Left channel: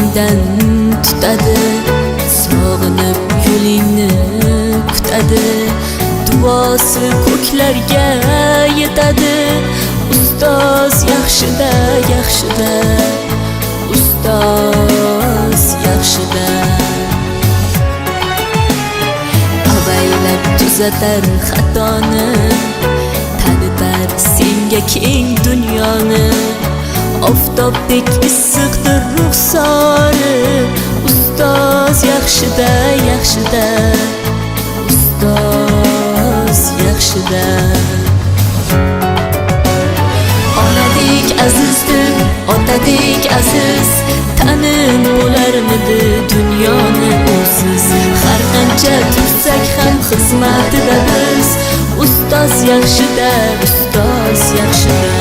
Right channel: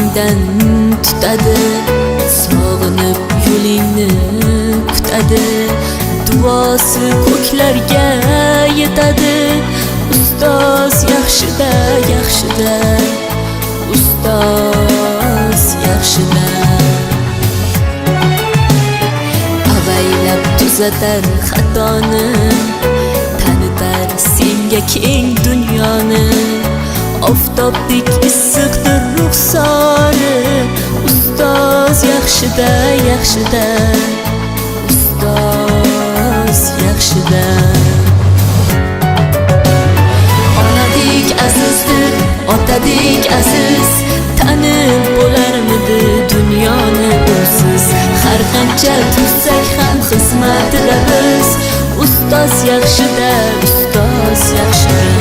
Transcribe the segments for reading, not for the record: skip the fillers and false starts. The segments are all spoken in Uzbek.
ko'nglingdan tutadi, sog'inib yo'lingni kutadi, duosi ko'klarga yetadi. Ustoz yaxshida, yaxshida, ustoz yaxshida. Avaylab tuzatar xatoni, tanitar senga keng dunyoni. Oftobdek issiqdir ruxsori, ustoz yaxshida, yaxshida, ustoz yaxshida. Onadek azizdir, otadek aziz, tanib bo'larmidi dunyoni usiz. Har qancha tursak ham xizmatida biz, ustoz yaxshida, ustoz yaxshida.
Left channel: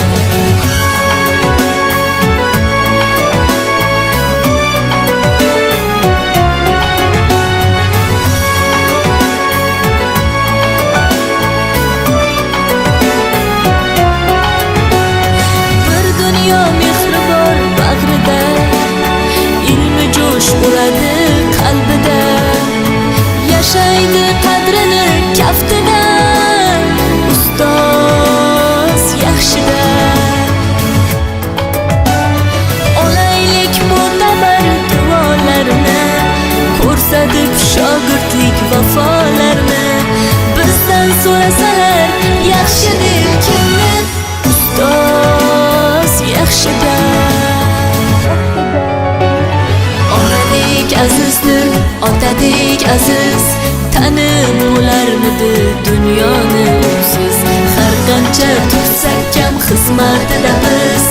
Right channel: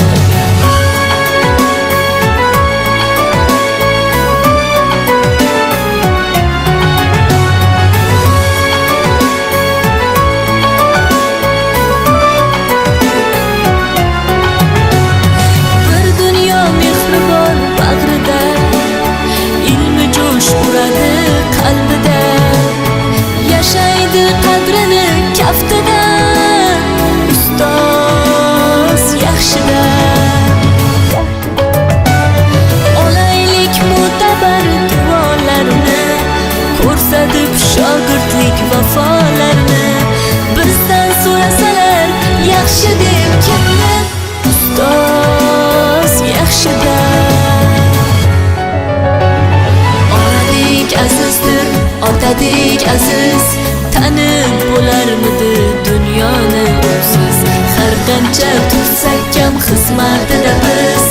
Bag'rida ilmi jo'sh uradi qalbida, yashaydi qadrini kaftida, ustoz yaxshida. Olaylik mo'tabar duolarni, ko'rsatib shogirdlik vafolarni. Bizdan so'rasalar yaxshi deb kimni, ustoz yaxshida. Azizdir, otadek aziz, tanib bo'larmidi dunyoni usiz. Har qancha tursak kam xizmatida biz,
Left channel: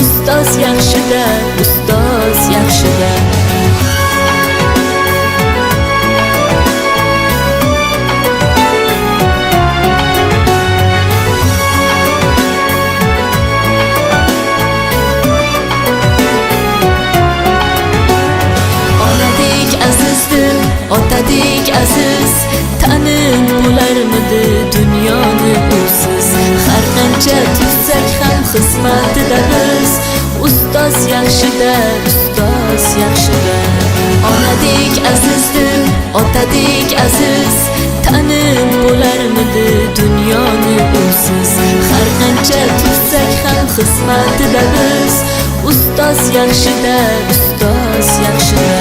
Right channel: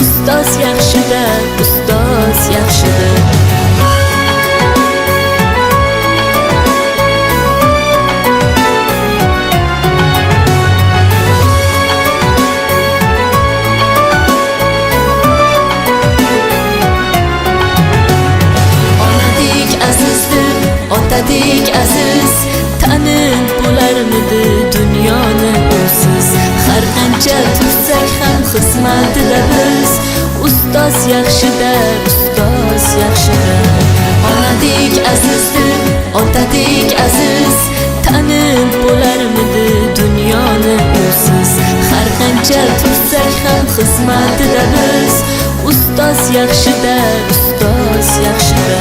ustoz yaxshida, ustoz yaxshida. Azizdir, otadek aziz, tanib bo'larmidi dunyoni usiz. Har qancha tursak ham xizmatida biz, ustoz yaxshida, ustoz yaxshida. Onadek azizdir, otadek aziz, tanib bo'larmidi dunyoni usiz. Har qancha tursak ham xizmatida biz, ustoz yaxshida, ustoz yaxshida.